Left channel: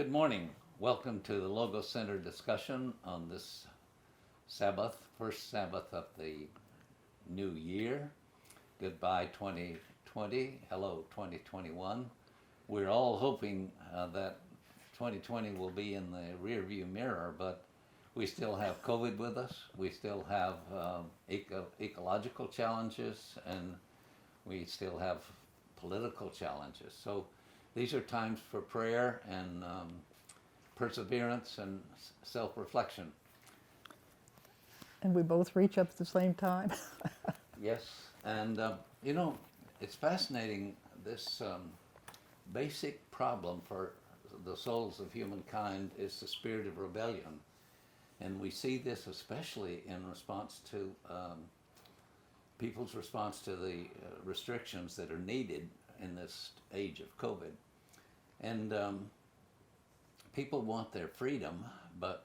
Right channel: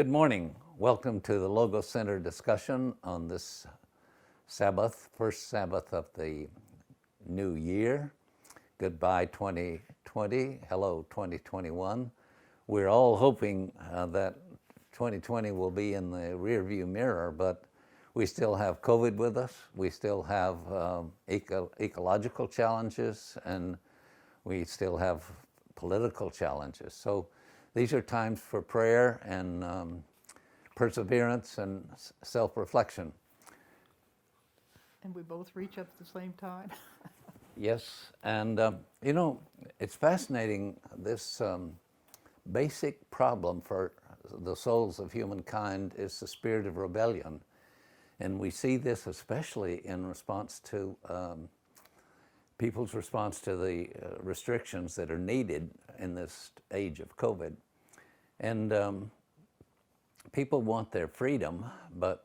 Good morning. Welcome to the Logos Center discussion on this Sabbath, first Sabbath of the new year. Goodbye 2020, hello 2021. We're all hoping that 2020 will be in the rearview mirror, but we still have COVID with us. We still have ecological challenges, and we still have political challenges. So these are times for prayer and perseverance and self-reflection. And we both reach up at the same time. Yes, and it's fascinating, this basic problem for the souls of humankind is the spirit of rebellion. And we see this especially in response to people's response to the restrictions that are needed in this age of COVID. And people want their freedom, but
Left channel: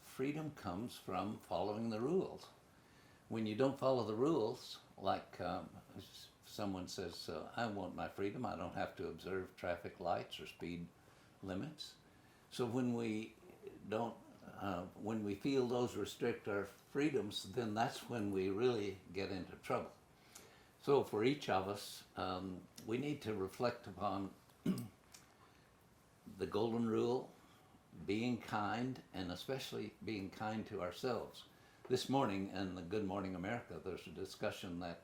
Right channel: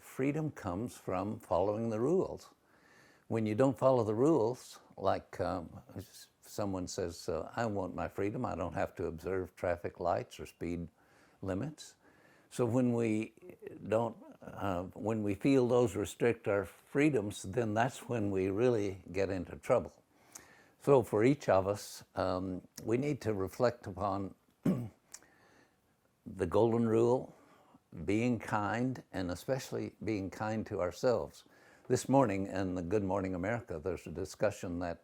freedom comes from following the rules. When you don't follow the rules, like someone says, I want my freedom, I don't have to observe traffic lights or speed limits. So when we feel those restrict our freedoms, then that's when we really get into trouble. So for each of us, we need to reflect upon the golden rule, being kind, and especially being kind to ourselves. This morning in the Good Morning America, there's a discussion that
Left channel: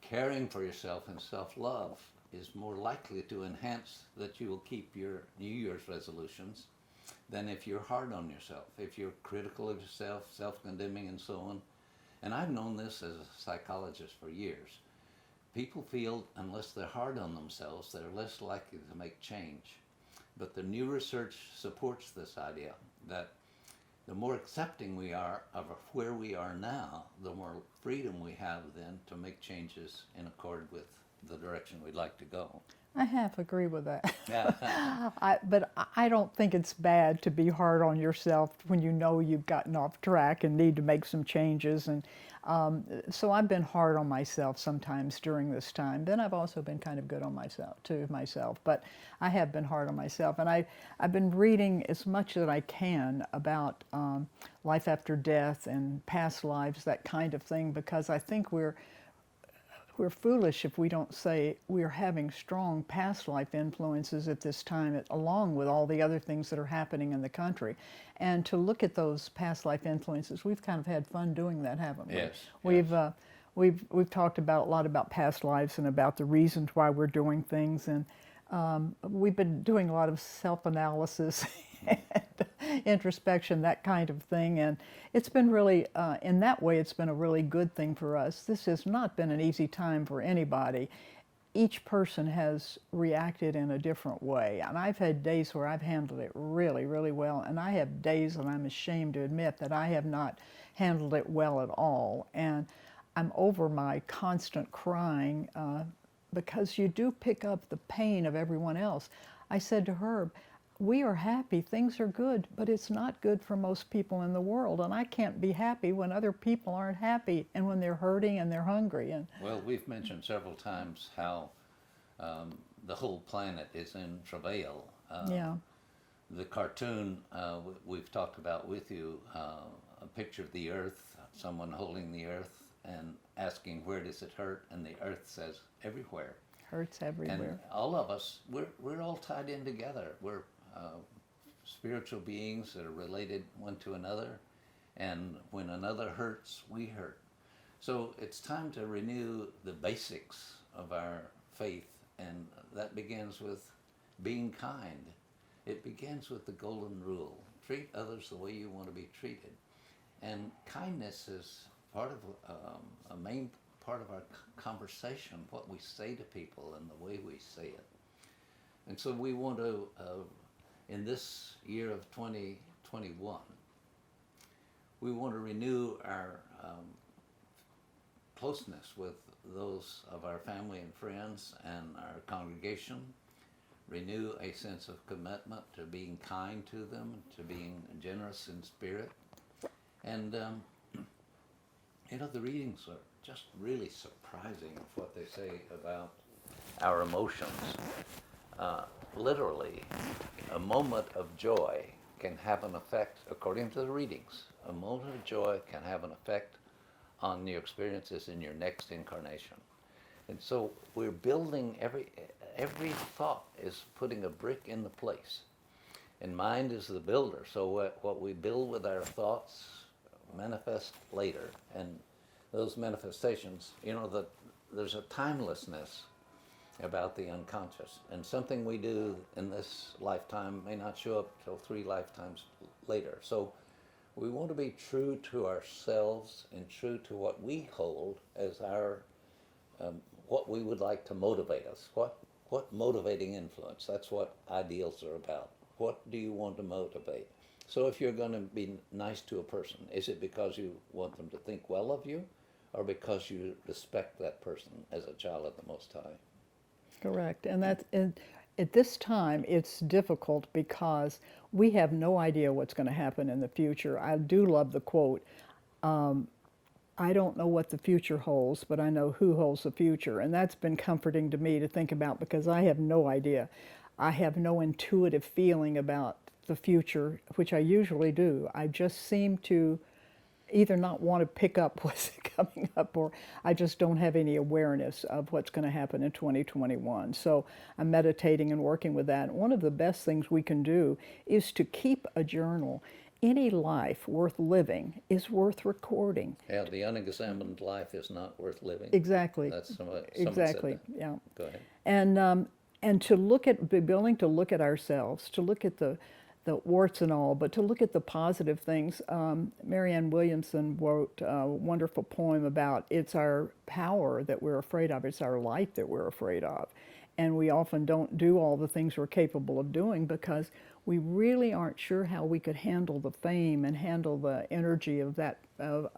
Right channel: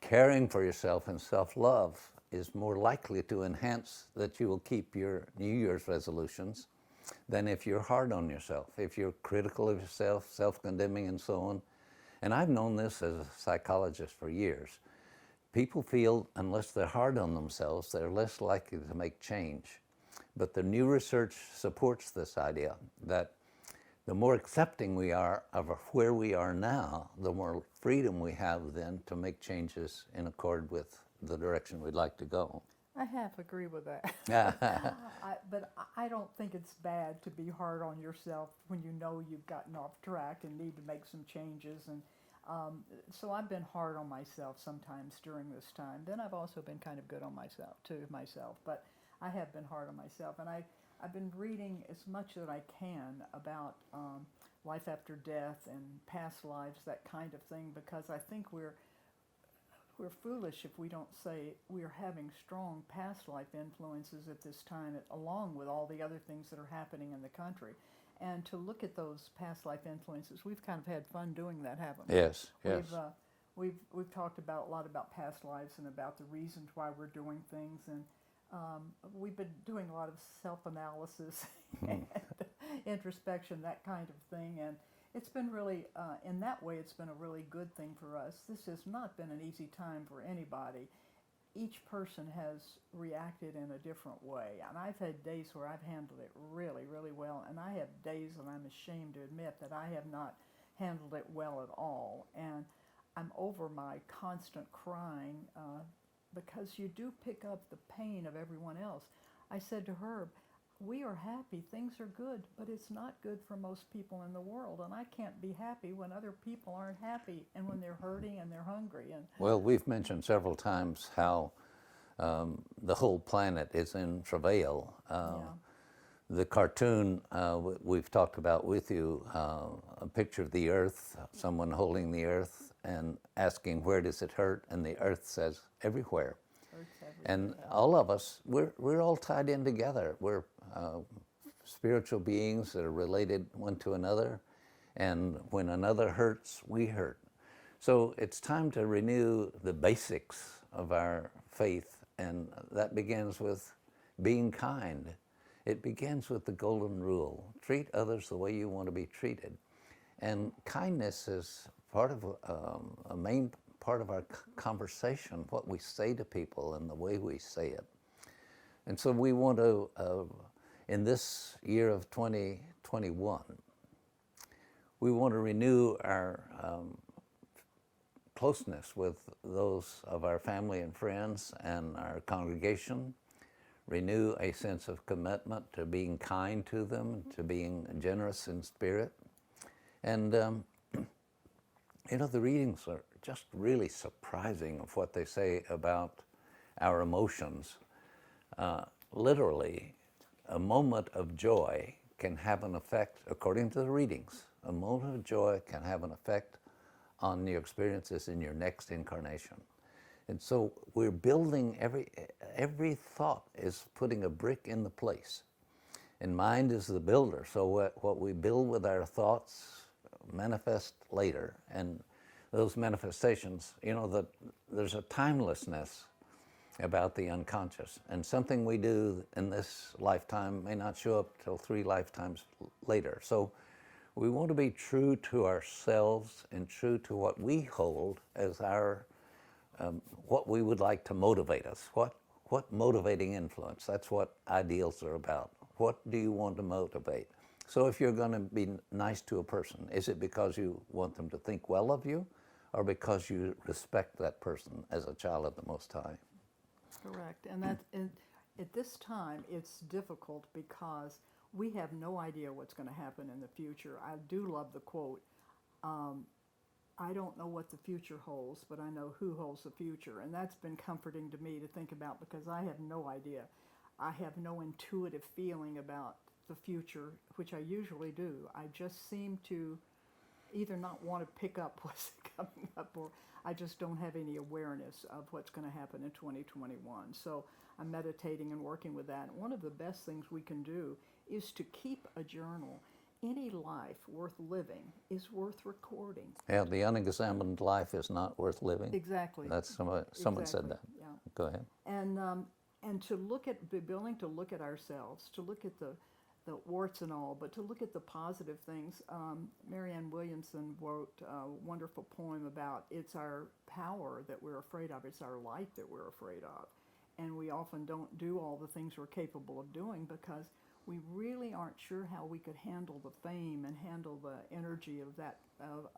caring for yourself and self-love is more likely to enhance that you will keep your New Year's resolutions than if you're hard on yourself, if you're critical of yourself, self-condemning and so on. And I've known this as a psychologist for years. People feel unless they're hard on themselves, they're less likely to make change. But the new research supports this idea that the more accepting we are of where we are now, the more freedom we have then to make changes in accord with the direction we'd like to go. I half agree with that. But I don't think it's bad to be hard on yourself when you know you've gotten off track and need to make some changes. And so I've been hard on myself sometimes during this time. Then I've also been kind of good on myself. But I have been hard on myself. And I've been reading as much that I can about life after death and past lives, that kind of thing, because I think we're foolish if we don't say we're having strong past life influences at this time, along with all the other things that are happening in the country. And to look at those past life influences, we've kind of had fun doing that, haven't we? Yes. We've talked about a lot about past lives and about the reasons why we're doing things, and we've been doing a lot of self-analysis and introspection, that kind of thing. And it's been really, in that way, it's been a really good thing for us. This has not been an easy time for anybody. Each person has reacted in a different way. And I've had days where I've handled it really, really well. And I have days when I'm ashamed to admit that I have not handled it well at all. And I'm over my constant crying because you do pick up the pain of everyone else. I said to Herb, we are happy, things are good, but it's not good for most people in the world. And I can't be happy when other people aren't happy and when they're hurting and they're hungry. And Well, we've mentioned several times how the whole planet is in travail. yeah, The cartoon we've talked about with you, a picture of the earth, someone holding the earth and asking where does it hurt, and the earth says everywhere. hurts everywhere. And all of us, we're all tied in together. We're spiritual beings that are related one to another, and when another hurts, we hurt. So it's time to renew the basics of our faith, and that begins with being kind. It begins with the golden rule: treat others the way you want to be treated. And kindness is part of a main part of our conversation, what we say to people and the way we say it. And so we want to, in this year of 2021, we want to renew our closeness with those of our family and friends and our congregation, renew a sense of commitment to being kind to them, to being generous in spirit. And, the readings are just really surprising of what they say about our emotions. literally, a moment of joy can have an effect, according to the readings, a moment of joy can have an effect on your experiences in your next incarnation. And so we're building, every thought is putting a brick in the place. And mind is the builder. So what we build with our thoughts manifest later. And those manifestations, that there's a timelessness about the unconscious. And something we do in this lifetime may not show up till 3 lifetimes later. So we want to be true to ourselves and true to what we hold as our, what we would like to motivate us. What motivating influence? That's what ideals are about. What do you want to motivate? So if you're going to be nice to a person, is it because you want them to think well of you, or because you respect that person as a child of the Most High? Correct. And at this time, it's difficult because we have no idea what's going to happen in the future. I do love the quote, I don't know what the future holds, but I know who holds the future. And that's been comforting to me to think about, because I have no idea. I have no intuitive feeling about the future, which I usually do. I just seem to either not want to pick up what's coming up, or I just don't have any awareness of what's going to happen in 2021. So I'm meditating and working with that. One of the best things we can do is to keep a journal. Any life worth living is worth recording. Yeah, the unexamined life is not worth living. Exactly. That's someone exactly. said that. Yeah. Go ahead. And to be willing to look at ourselves, to look at the warts and all, but to look at the positive things. Marianne Williamson wrote a wonderful poem about it's our power that we're afraid of, it's our light that we're afraid of. And we often don't do all the things we're capable of doing because we really aren't sure how we could handle the fame and handle the energy of that, of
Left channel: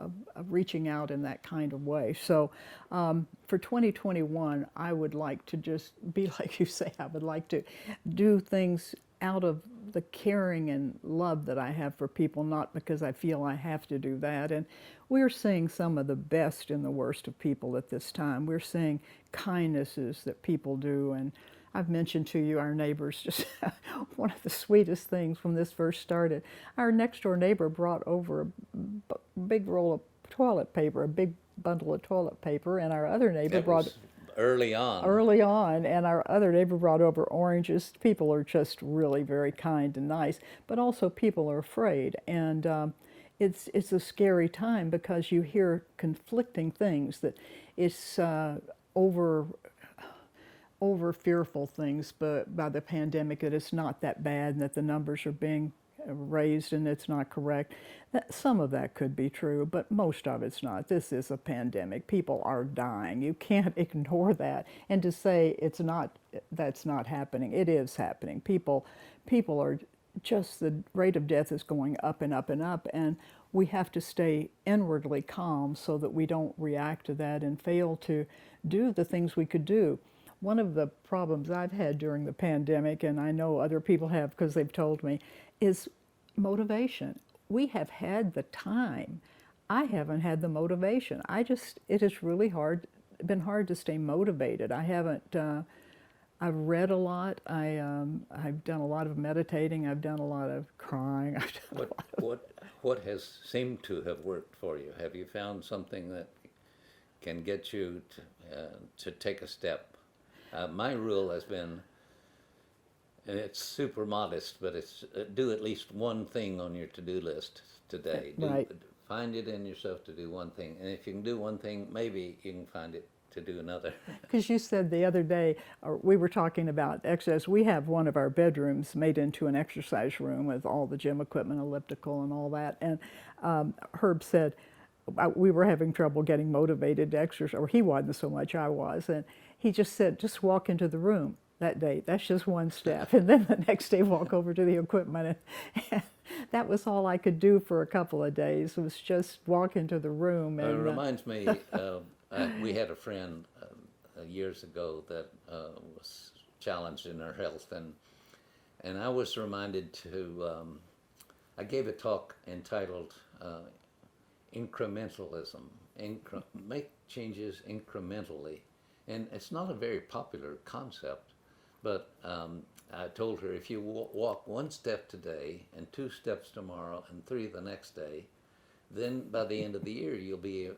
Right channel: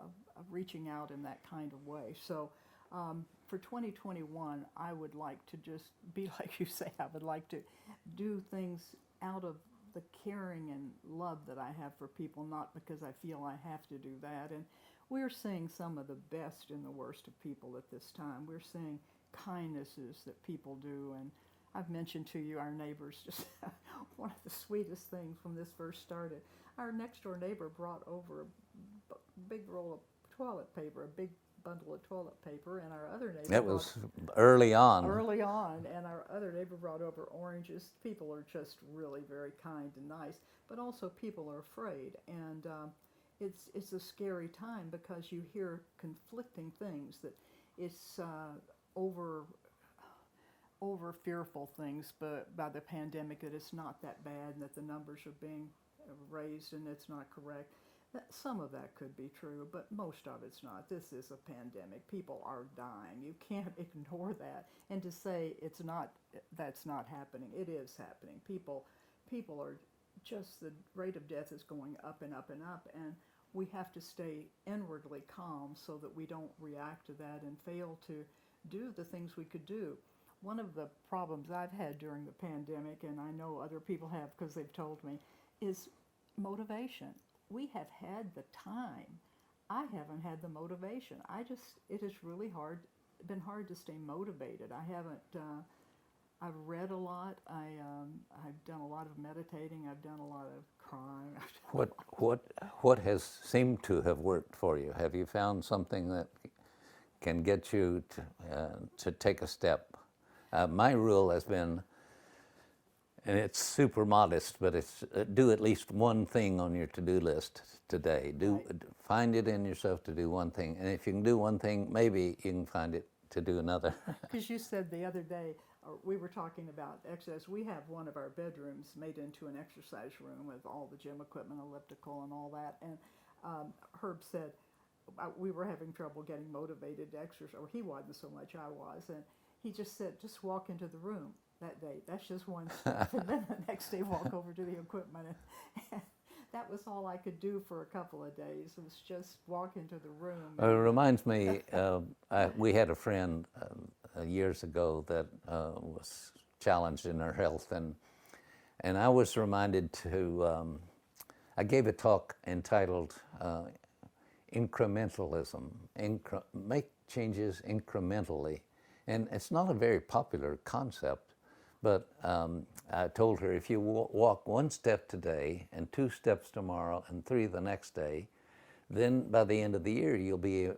reaching out in that kind of way. So for 2021, I would like to just be like you say, I would like to do things out of the caring and love that I have for people, not because I feel I have to do that. And we're seeing some of the best and the worst of people at this time. We're seeing kindnesses that people do. And I've mentioned to you our neighbors, just one of the sweetest things when this first started. Our next door neighbor brought over a big roll of toilet paper, a big bundle of toilet paper, and our other neighbor brought early on. Early on, and our other neighbor brought over oranges. People are just really very kind and nice, but also people are afraid, and it's a scary time because you hear conflicting things, that it's over fearful things, but by the pandemic, that it's not that bad and that the numbers are being raised and it's not correct. Some of that could be true, but most of it's not. This is a pandemic. People are dying. You can't ignore that. And to say it's not, that's not happening, it is happening. People are just, the rate of death is going up and up and up, and we have to stay inwardly calm so that we don't react to that and fail to do the things we could do. One of the problems I've had during the pandemic, and I know other people have because they've told me, is motivation. We have had the time. I haven't had the motivation. It is really been hard to stay motivated. I haven't, I've read a lot. I've done a lot of meditating. I've done a lot of crying. What has seemed to have worked for you? Have you found something that can get you to take a step? My rule has been, and it's super modest, but it's do at least one thing on your to-do list today. Right. Find it in yourself to do one thing, and if you can do one thing, maybe you can find it to do another. Because you said the other day, we were talking about exercise. We have one of our bedrooms made into an exercise room with all the gym equipment, elliptical and all that. And Herb said we were having trouble getting motivated to exercise, or he wasn't so much, I was. And he just said, just walk into the room that day. That's just one step. And then the next day, walk over to the equipment. And that was all I could do for a couple of days, was just walk into the room. It reminds me, we had a friend years ago that was challenged in her health, and I was reminded to, I gave a talk entitled Incrementalism, make changes incrementally. And it's not a very popular concept, But I told her, if you walk one step today and 2 steps tomorrow and 3 the next day, then by the end of the year you'll be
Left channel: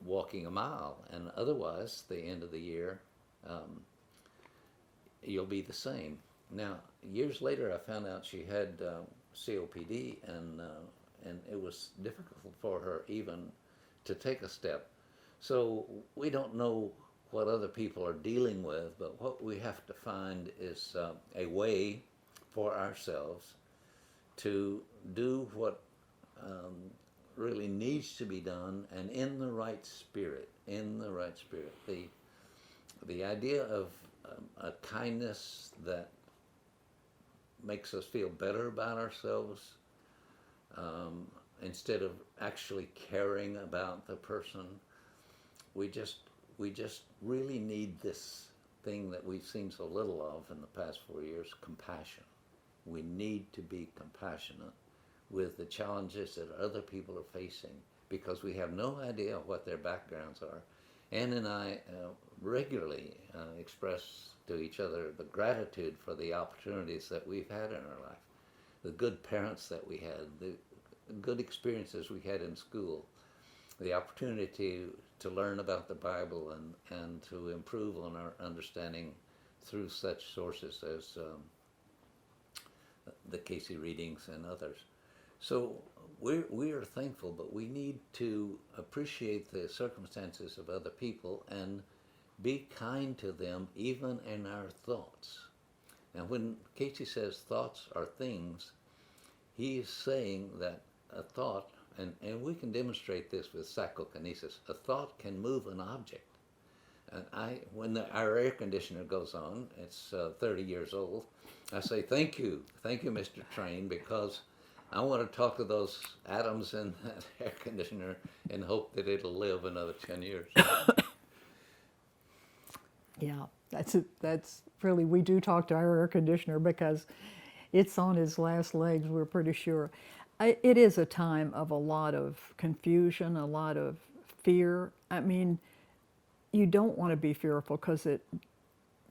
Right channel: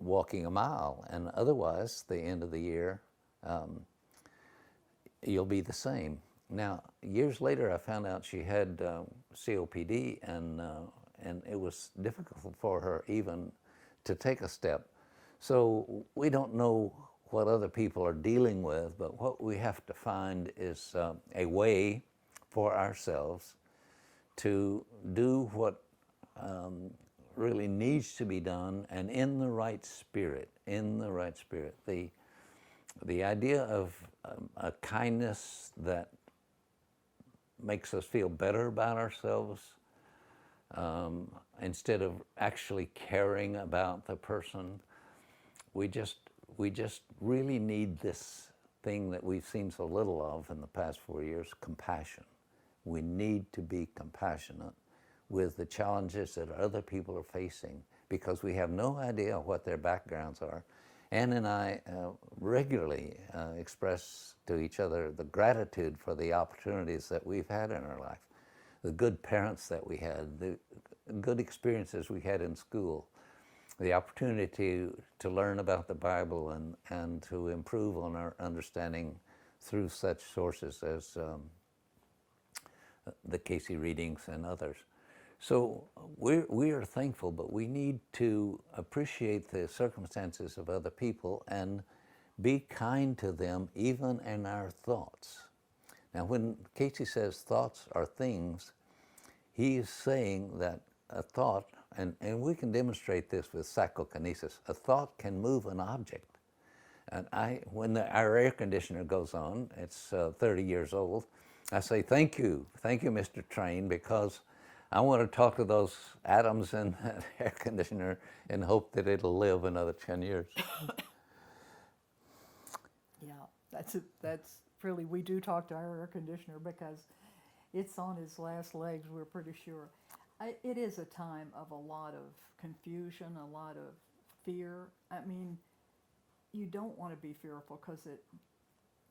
walking a mile, and otherwise the end of the year you'll be the same. Now, years later I found out she had COPD, and it was difficult for her even to take a step. So we don't know what other people are dealing with, but what we have to find is a way for ourselves to do what really needs to be done, and in the right spirit, The idea of a kindness that makes us feel better about ourselves, instead of actually caring about the person. We just really need this thing that we've seen so little of in the past 4 years: compassion. We need to be compassionate with the challenges that other people are facing, because we have no idea what their backgrounds are. Anne and I regularly express to each other the gratitude for the opportunities that we've had in our life, the good parents that we had, the good experiences we had in school, the opportunity to learn about the Bible and to improve on our understanding through such sources as the Casey readings and others. So we are thankful, but we need to appreciate the circumstances of other people and be kind to them even in our thoughts. Now, when Casey says thoughts are things, he's saying that a thought, and we can demonstrate this with psychokinesis, a thought can move an object. And when our air conditioner goes on, it's 30 years old, I say, thank you, Mr. Train, because I want to talk to those atoms in that air conditioner and hope that it'll live another 10 years. Yeah, that's it. That's really, we do talk to our air conditioner because it's on his last legs, we're pretty sure. It is a time of a lot of confusion, a lot of fear. I mean, you don't want to be fearful because it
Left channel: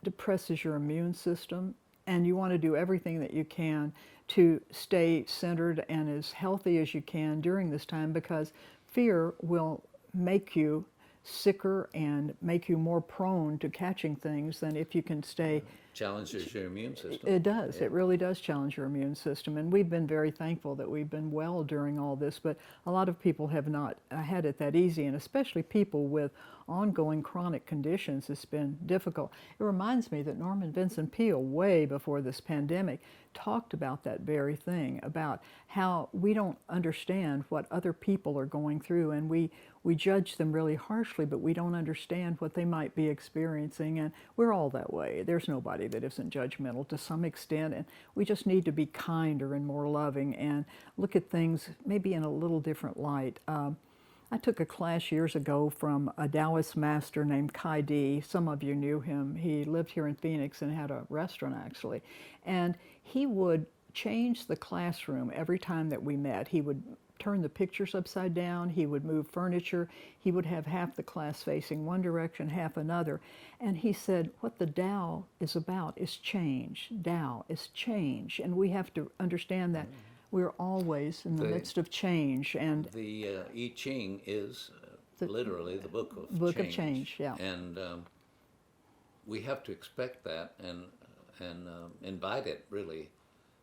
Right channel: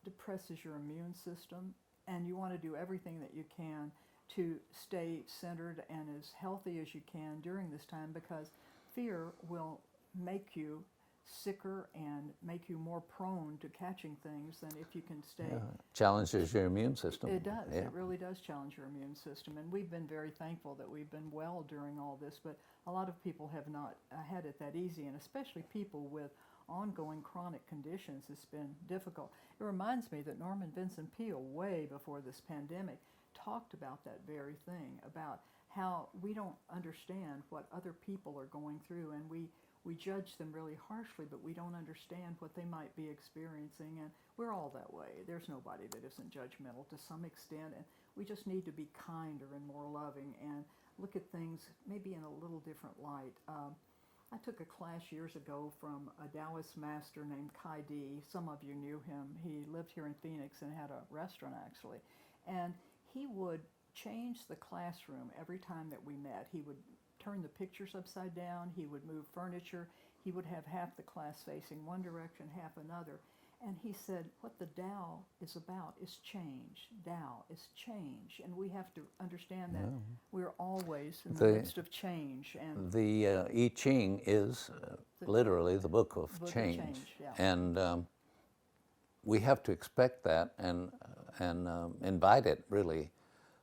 depresses your immune system, and you want to do everything that you can to stay centered and as healthy as you can during this time, because fear will make you sicker and make you more prone to catching things than if you can stay. Challenges your immune system. It does. Yeah. It really does challenge your immune system. And we've been very thankful that we've been well during all this, but a lot of people have not had it that easy, and especially people with ongoing chronic conditions. It's been difficult. It reminds me that Norman Vincent Peale, way before this pandemic, talked about that very thing, about how we don't understand what other people are going through, and we judge them really harshly, but we don't understand what they might be experiencing, and we're all that way. There's nobody that isn't judgmental to some extent, and we just need to be kinder and more loving and look at things maybe in a little different light. I took a class years ago from a Taoist master named Kai Di. Some of you knew him. He lived here in Phoenix and had a restaurant, actually. And he would change the classroom every time that we met. He would turn the pictures upside down. He would move furniture. He would have half the class facing one direction, half another. And he said, what the Tao is about is change. Tao is change. And we have to understand that we're always in the midst of change. And the I Ching is literally the book of book change. of change, yeah. And we have to expect that and invite it, really.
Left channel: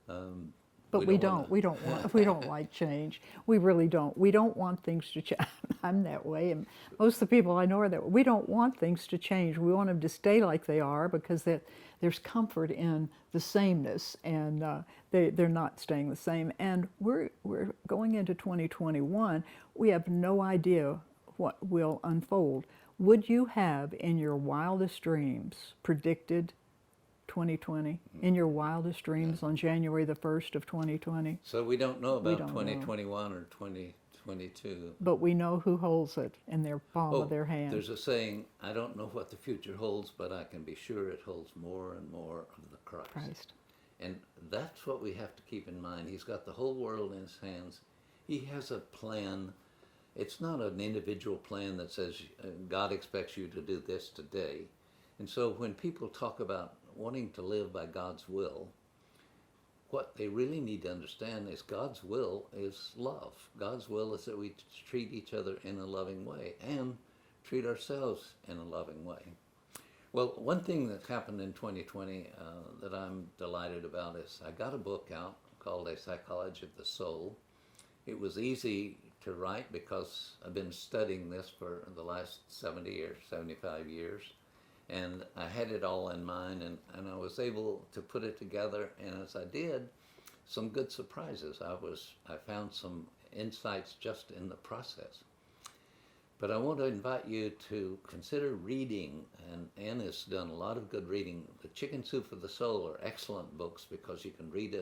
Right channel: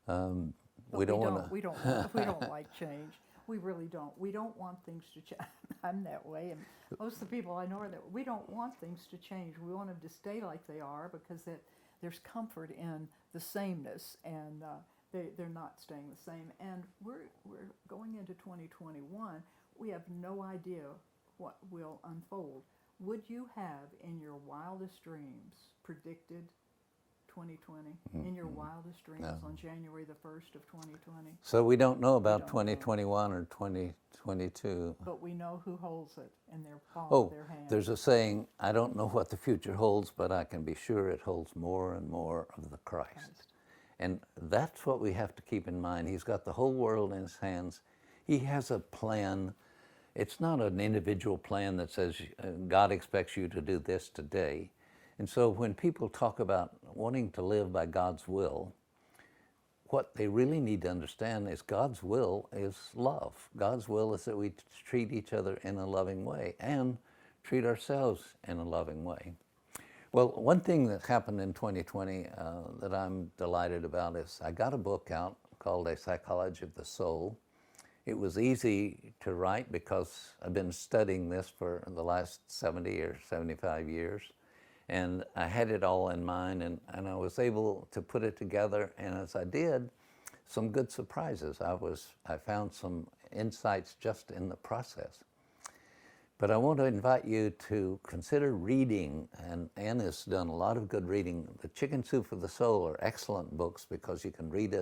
But we don't like change. We really don't. We don't want things to change. I'm that way, and most of the people I know are that way. We don't want things to change. We want them to stay like they are, because there's comfort in the sameness, and they're not staying the same. And we're going into 2021. We have no idea what will unfold. Would you have, in your wildest dreams, predicted 2020 in your wildest dreams on January the 1st of 2020? So we don't know about don't 2021 or 2022. But we know who holds it in their palm of their hand. There's a saying, I don't know what the future holds, but I can be sure it holds more and more of the Christ. And that's what we have to keep in mind. He's got the whole world in his hands. He has a plan. It's not an individual plan that says God expects you to do this today. And so when people talk about, wanting to live by God's will, what they really need to understand is God's will is love. God's will is that we treat each other in a loving way and treat ourselves in a loving way. Well, one thing that happened in 2020 that I'm delighted about is I got a book out called A Psychology of the Soul. It was easy to write because I've been studying this for the last 70 or 75 years. And I had it all in mind, and I was able to put it together. And as I did, some good surprises. I found some insights just in the process. But I want to invite you to consider reading, and Anne has done a lot of good reading. The Chicken Soup for the Soul are excellent books because you can read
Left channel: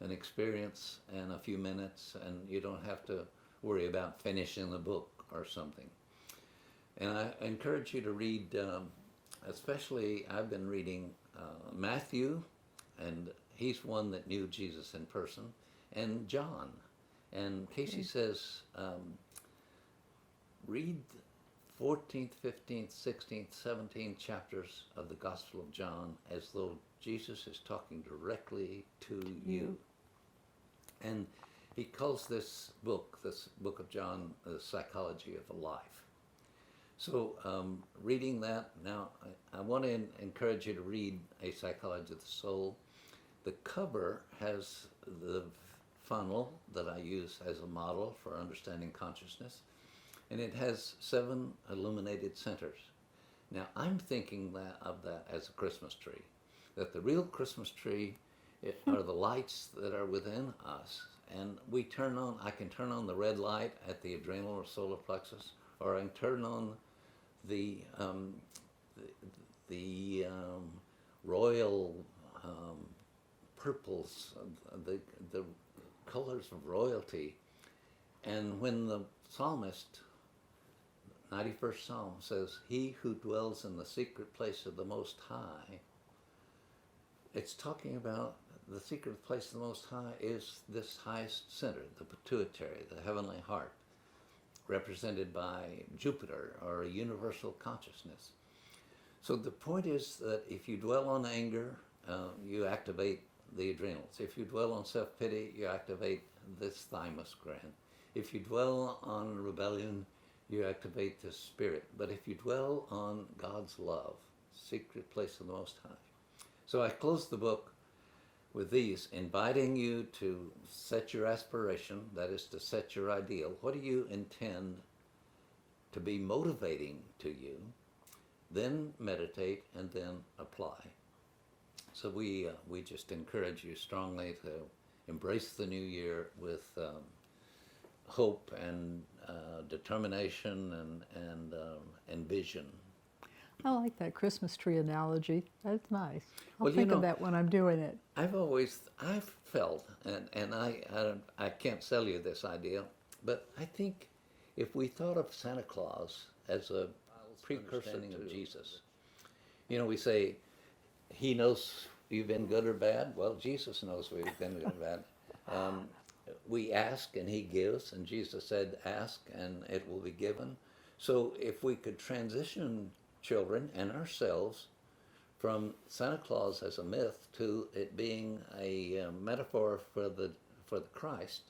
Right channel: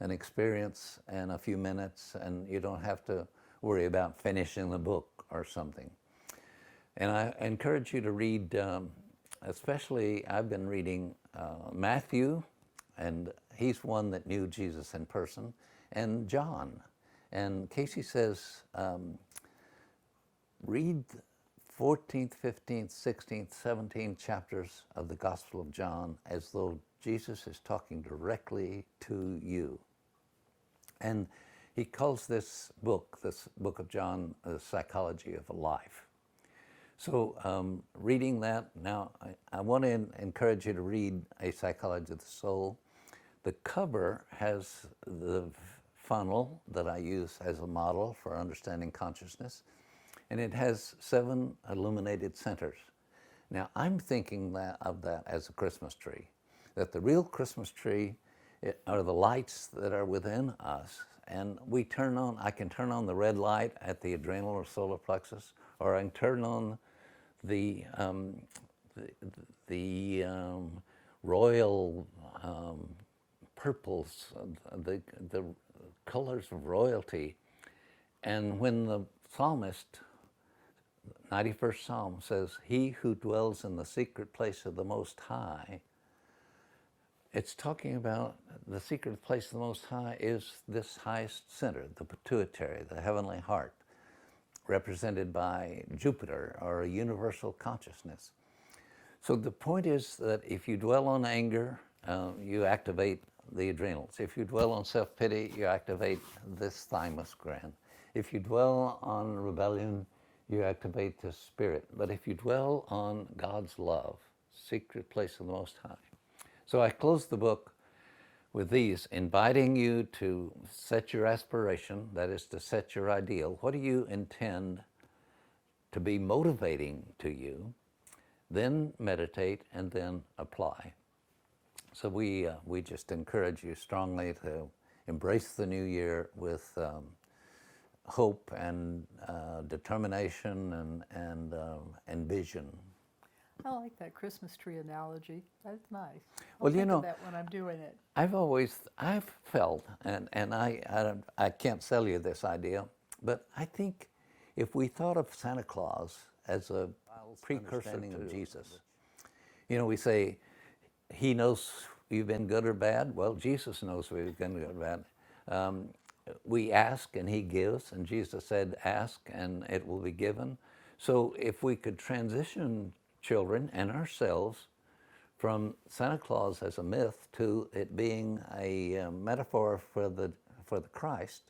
an experience in a few minutes, and you don't have to worry about finishing the book or something. And I encourage you to read. Especially, I've been reading Matthew, and he's one that knew Jesus in person, and John. And Casey says, read 14th, 15th, 16th, 17th chapters of the Gospel of John as though Jesus is talking directly to you. And he calls this book of John, the psychology of life. So reading that, now I want to encourage you to read A Psychology of the Soul. The cover has the funnel that I use as a model for understanding consciousness, and it has 7 illuminated centers. Now I'm thinking of that as a Christmas tree, that the real Christmas tree are the lights that are within us, and I can turn on the red light at the adrenal or solar plexus, or I can turn on the royal purples, the colors of royalty. And when the psalmist, 91st Psalm, says, "He who dwells in the secret place of the Most High," it's talking about the secret place of the Most High is this highest center, the pituitary, the heavenly heart, represented by Jupiter, or a universal consciousness. So the point is that if you dwell on anger, you activate the adrenals. If you dwell on self-pity, you activate this thymus gland. If you dwell on rebellion, you activate the spirit. But if you dwell on God's love, secret place of the Most High. So I close the book with these, inviting you to set your aspiration, that is to set your ideal. What do you intend to be motivating to you? Then meditate and then apply. So we just encourage you strongly to embrace the new year with hope and determination and vision. I like that Christmas tree analogy. That's nice. I'll Well, think of that when I'm doing it. I've felt, and I can't sell you this idea, but I think if we thought of Santa Claus as a precursor of Jesus, we say, he knows we've been good or bad. Well, Jesus knows we've been good or bad. We ask and he gives, and Jesus said, ask and it will be given. So if we could transition children and ourselves from Santa Claus as a myth to it being a metaphor for the Christ,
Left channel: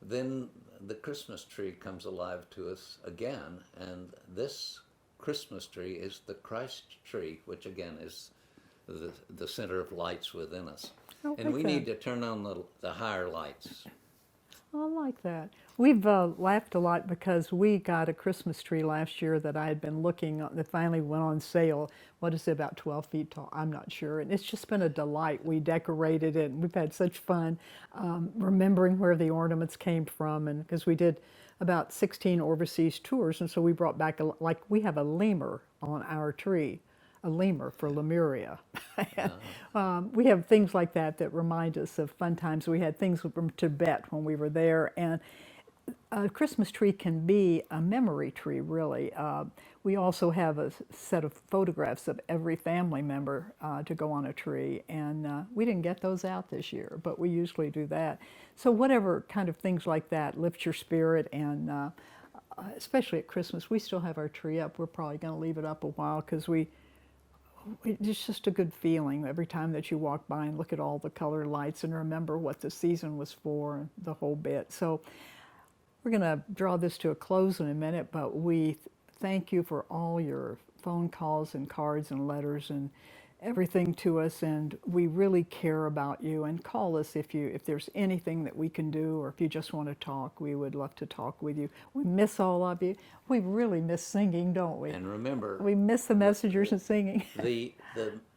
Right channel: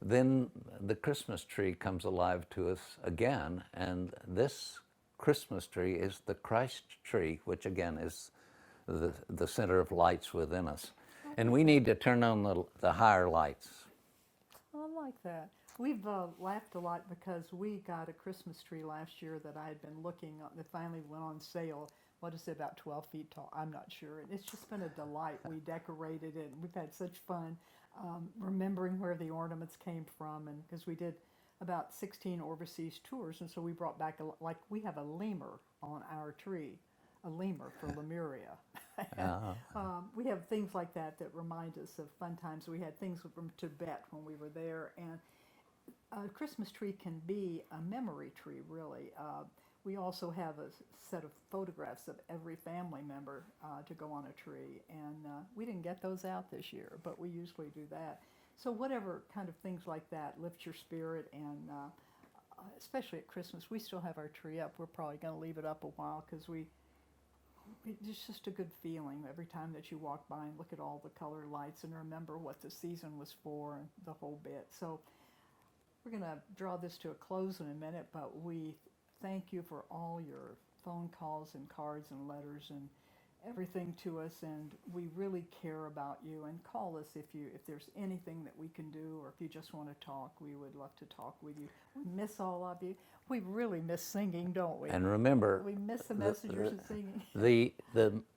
then the Christmas tree comes alive to us again, and this Christmas tree is the Christ tree, which again is the center of lights within us. And we need to turn on the higher lights. I like that. We've laughed a lot because we got a Christmas tree last year that I had been looking at that finally went on sale. What is it, about 12 feet tall? I'm not sure. And it's just been a delight. We decorated it, and we've had such fun remembering where the ornaments came from. And because we did about 16 overseas tours, and so we brought back, we have a lemur on our tree, a lemur for Lemuria. We have things like that remind us of fun times. We had things from Tibet when we were there, and a Christmas tree can be a memory tree, really. We also have a set of photographs of every family member to go on a tree, and we didn't get those out this year, but we usually do that. So whatever kind of things like that lift your spirit, and especially at Christmas, we still have our tree up. We're probably going to leave it up a while because we it's just a good feeling every time that you walk by and look at all the color lights and remember what the season was for and the whole bit. So we're going to draw this to a close in a minute, but we thank you for all your phone calls and cards and letters and everything to us, and we really care about you. And call us if there's anything that we can do, or if you just want to talk. We would love to talk with you. We miss all of you. We really miss singing, don't we? And remember, We miss the messengers and singing. the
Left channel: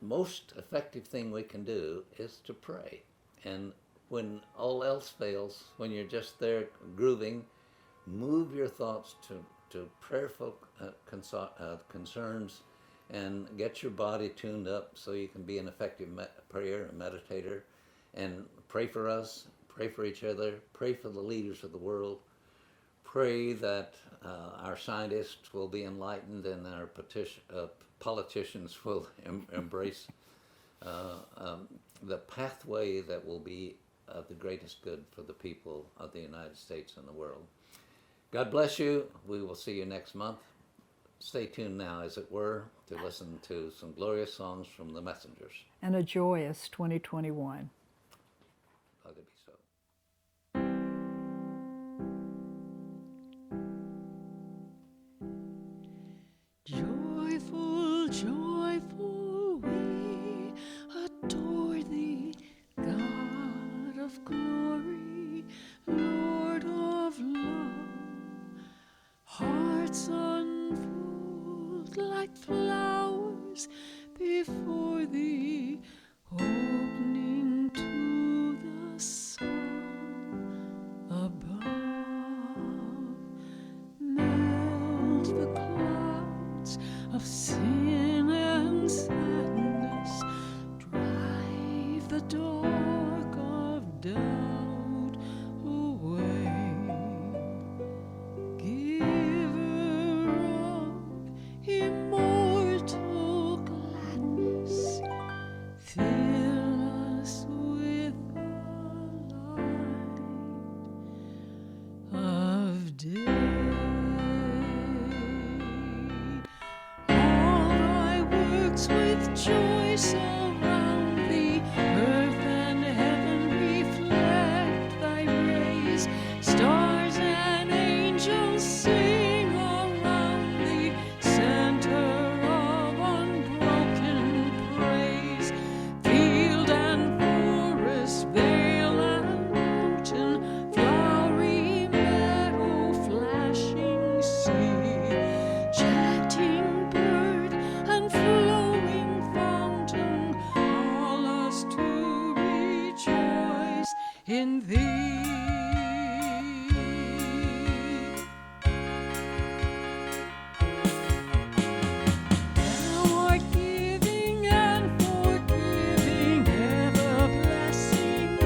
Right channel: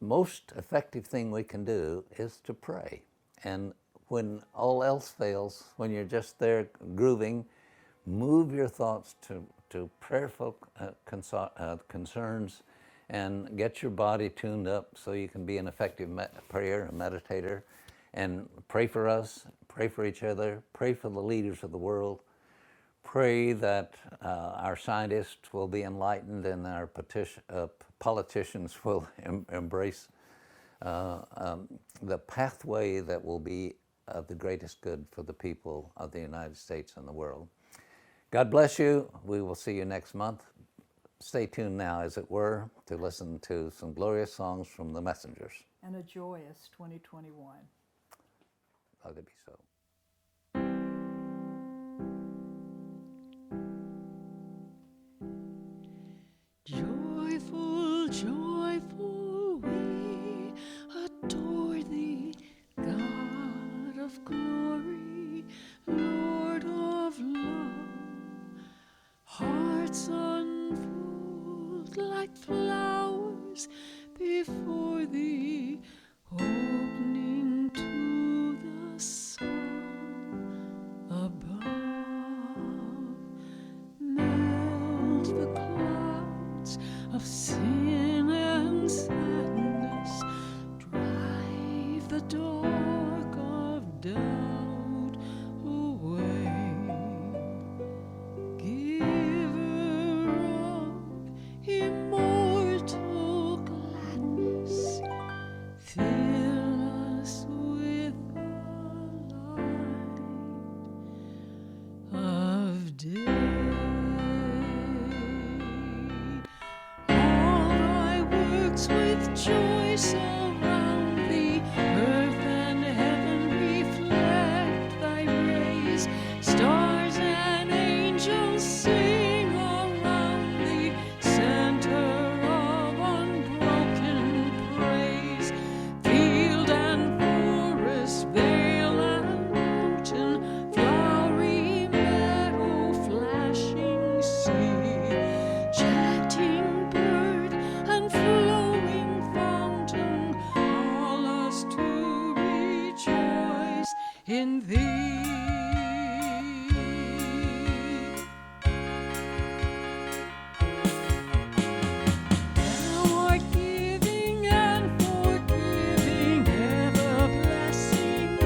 most effective thing we can do is to pray. And when all else fails, when you're just there grooving, move your thoughts to prayerful concerns, and get your body tuned up so you can be an effective prayer and meditator. And pray for us, pray for each other, pray for the leaders of the world. Pray that our scientists will be enlightened and our politicians will embrace the pathway that will be of the greatest good for the people of the United States and the world. God bless you. We will see you next month. Stay tuned now, as it were, to listen to some glorious songs from the Messengers. And a joyous 2021. Let it be so. Joyful, joyful, we adore thee, God of glory, Lord of love. Hearts unfold like flowers before thee, opening to the sun above. Melt the clouds of sin and sadness, drive the dark of doubt away. Giver of immortal gladness, fill us with the light of day. All thy works with joy surround thee, earth and heaven reflect thy rays, stars and angels sing around thee, center of unbroken praise. Field and forest, vale and mountain, flowery meadow, flashing sea, chanting bird and flowing fountain, call us to rejoice in thee. Thou art giving and forgiving, ever blessing,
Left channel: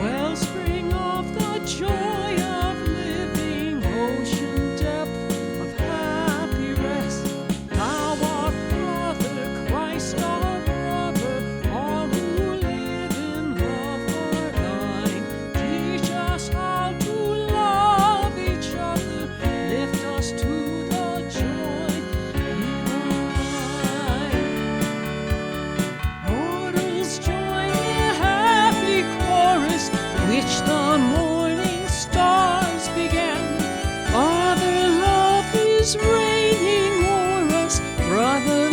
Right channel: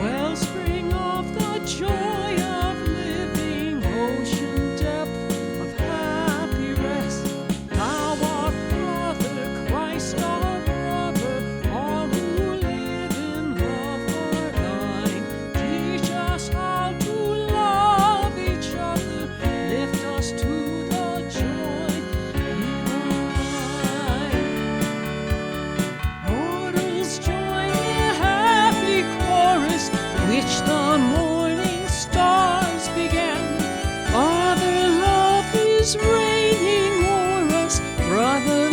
wellspring of the joy of living, ocean depth of happy rest. Thou art brother, Christ our brother, all who live in love are thine. Teach us how to love each other, lift us to the joy divine. Mortals join the happy chorus which the morning stars began. Father love is reigning o'er us, brother